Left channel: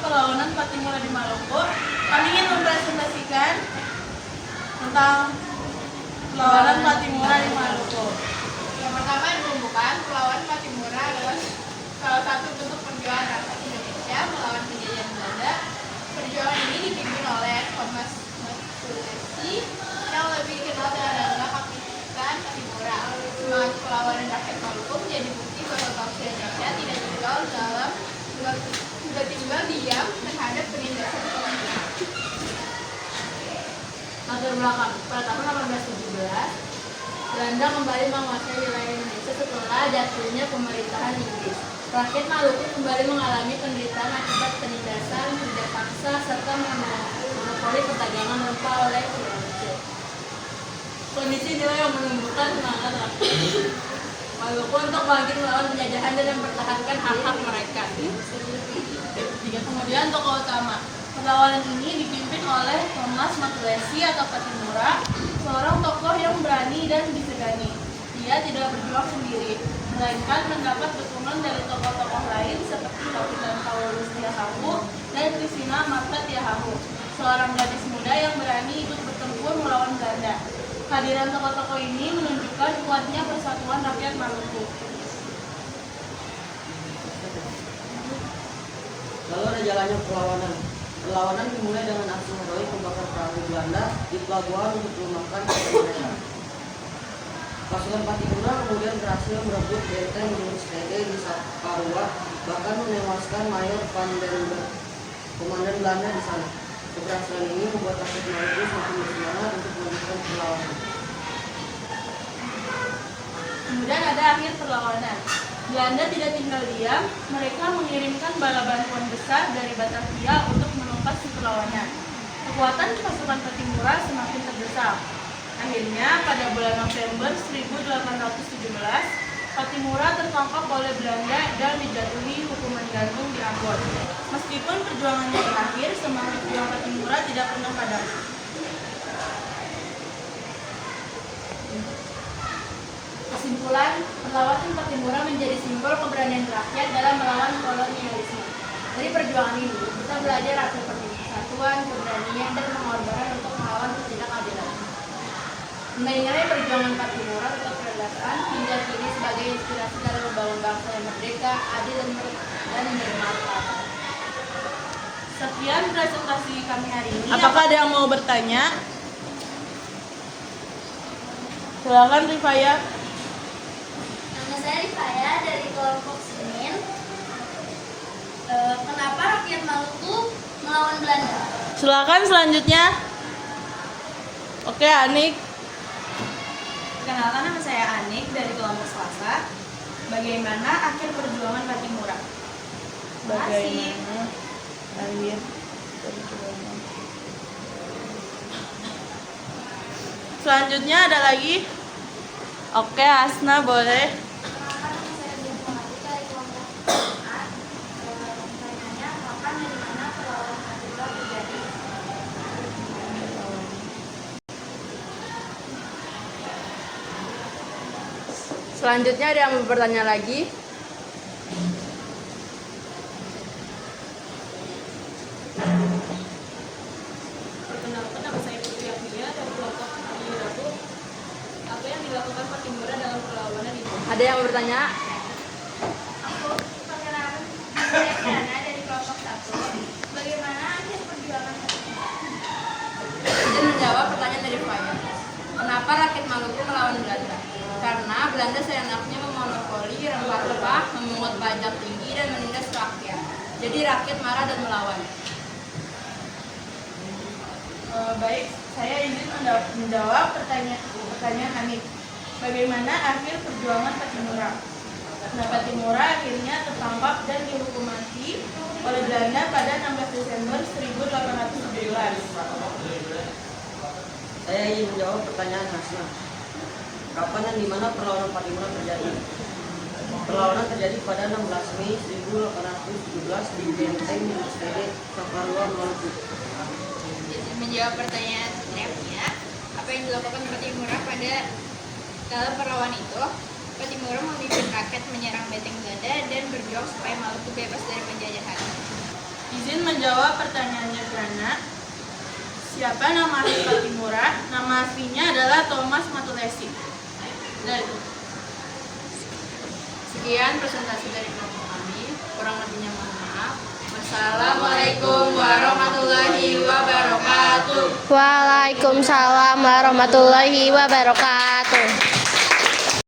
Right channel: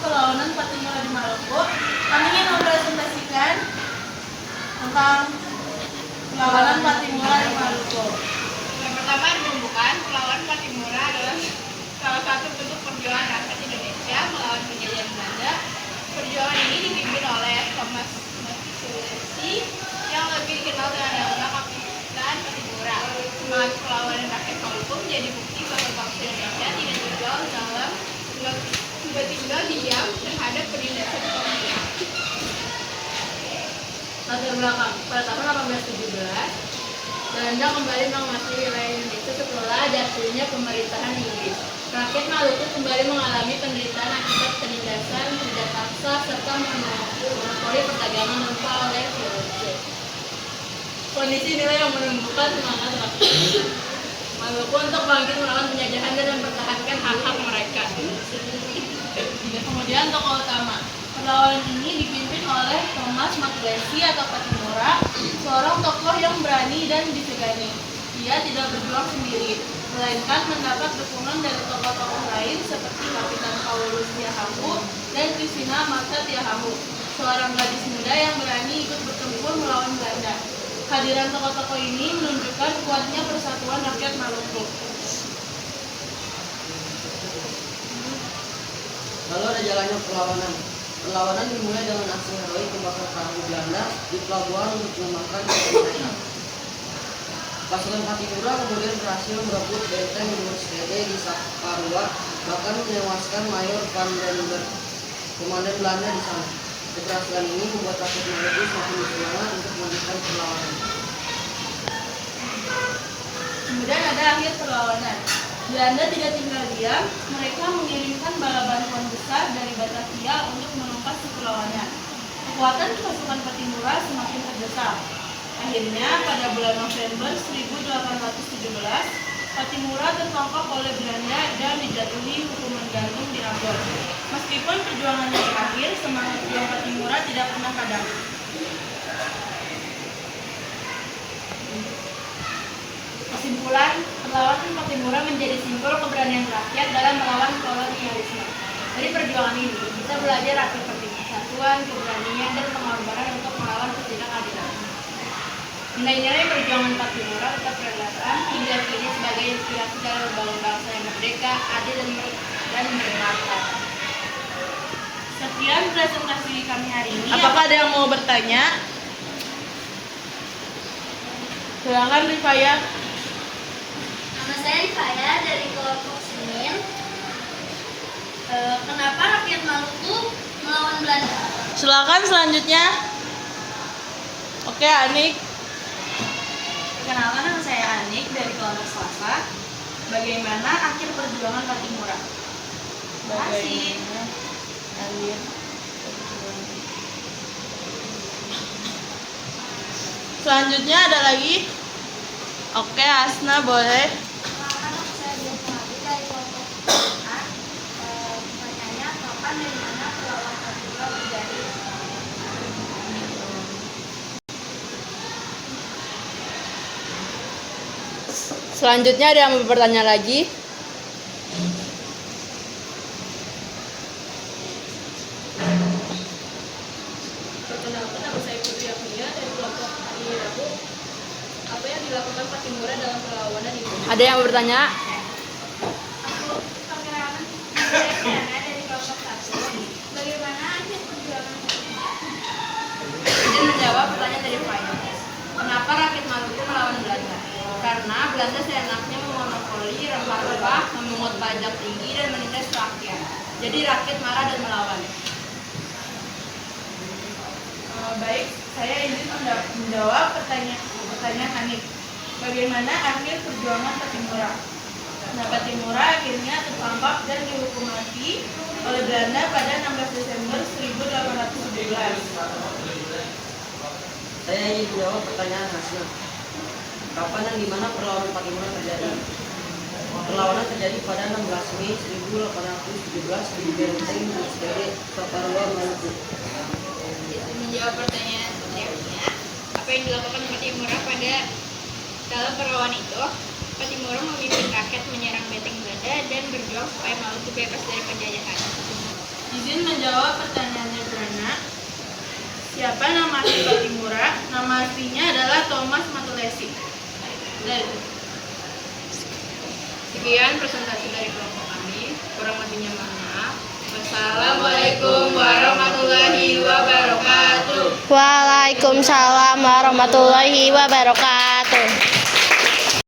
perlawanan Patimura di Maluku, kami ingin mempresentasikan tentang perlawanan Patimura di Maluku. Yang pertama menumbuhkan perlawanan Patimura adalah salah satu bentuk perjuangan rakyat Indonesia melawan penjajahan Belanda. Perjuangan ini dipimpin oleh Thomas Matulesi yang lebih dikenal dengan nama Kapitan Patimura. Semangat perlawanan rakyat Maluku menjadi bukti bahwa bangsa Indonesia tidak tinggal diam terhadap penindasan kolonial. Latar belakang, pada tahun 1817, Belanda kembali menguasai wilayah Indonesia setelah jatuhnya pemerintahan Inggris. Rakyat Maluku kembali mengalami penderitaan akibat penindasan, kerja paksa, serta monopoli perdagangan rempah oleh VOC. Kondisi inilah yang menumbuhkan semangat rakyat Maluku untuk bangkit melawan penjajahan dan mempertahankan hak-hak mereka. Kemudian tokoh utama. Perlawanan ini dipimpin oleh Thomas Matulesi atau Patimura, seorang tokoh yang berani dan disegani. Dia tidak berjuang sendiri, melainkan mendapat dukungan dari tokoh-tokoh lain seperti Kapitan Paulus Tiahahu dan Christina Martha Tiahahu, seorang gadis muda yang berani ikut bertempur melawan Belanda. Kehadiran tokoh-tokoh ini menunjukkan kuatnya persatuan rakyat Maluku. Lalu ada jalannya perlawanan. Perlawanan dimulai dengan aksi heroik membakar perahu Belanda di pelabuhan untuk mengembangkan mereka. Pasukan Patimura kemudian berhasil merebut benteng Moorstede di Saparua, bahkan menewaskan Mayor Van den Berg, komandan Belanda di sana. Keberhasilan ini membuat rakyat Maluku semakin bersemangat untuk melanjutkan perlawanan. Kemudian ada akhir perlawanan. Belanda tidak tinggal diam, mereka mengirimkan bala bantuan besar dari Batavia untuk menumpas si perlawanan. Kekuatan pasukan Patimura semakin terdesak. Akhirnya pada bulan November 1817, Patimura tertangkap oleh Belanda dan dijatuhi hukuman gantung di Ambon. Meskipun perjuangannya berakhir, semangat juang Patimura tidak pernah padam. Kesimpulan, perlawanan Patimura menjadi simbol keberanian rakyat dalam melawan kolonialisme. Dari perjuangan ini, kita belajar arti penting persatuan, keberanian, dan pengorbanan untuk melawan ketidakadilan. Nilai-nilai perjuangan Patimura tetap relevan hingga kini sebagai inspirasi dalam membangun bangsa yang merdeka, adil, dan bermartabat. Sekian presentasi kami hari ini. Apakah ada yang mau bertanya? Silakan Rifaya. Nama saya Rifaya dari kelompok Senin. Kenapa rakyat Maluku melawan Belanda? Silakan selanjutnya. Oke, Anik. Kenalkan, nama saya Anik dari kelompok Selasa. Bagaimana akhir perjuangan Patimura? Bagaimana akhir? Selanjutnya ada lagi. Oke, Asna boleh. Kenalkan, nama saya Dian dari kelompok A. Pertanyaannya, kapan dan di mana perlawanan Patimura terjadi? Selanjutnya ada yang mau bertanya lagi? Perkenalkan, nama saya Putri Afilia dari kelompok Hari Rabu. Apa yang dilakukan Patimura dalam perlawanan itu? Ada yang mau bertanya? Aku perkenalkan, saya Diana dari kelompok 1. Bagaimana akhir perjuangan Patimura? Izin menjawab pertanyaan dari Faya. Kenapa rakyat Maluku melawan Belanda? Karena Belanda seenaknya memonopoli rempah-rempah, memungut pajak tinggi, dan menindas rakyat. Jadi rakyat marah dan melawan. Baik, saya izin menjawab pertanyaan Hanif. Bagaimana akhir perjuangan Patimura? Nah, Patimura akhirnya tertangkap dan dihukum mati oleh Belanda pada 16 Desember 1817. Saya ingin menjawab pertanyaan Hasna. Kapan dan di mana perlawanan Patimura terjadi? Perlawanan terjadi pada 16 Mei 1817 di Benteng Moorstede, Saparua, Maluku. Menjawab pertanyaan Putri, apa yang dilakukan Patimura pada dalam perlawanan itu? Patimura memimpin rakyat menyerang benteng Belanda dan berjuang supaya Maluku bebas dari penjajahan. Izin menjawab pertanyaannya Zrana. Siapa nama asli Patimura? Nama aslinya adalah Thomas Matulesi. Udah itu. Sekian presentasi dari kelompok kami. Kurang lebihnya mohon maaf. Wassalamualaikum warahmatullahi wabarakatuh. Waalaikumsalam warahmatullahi wabarakatuh.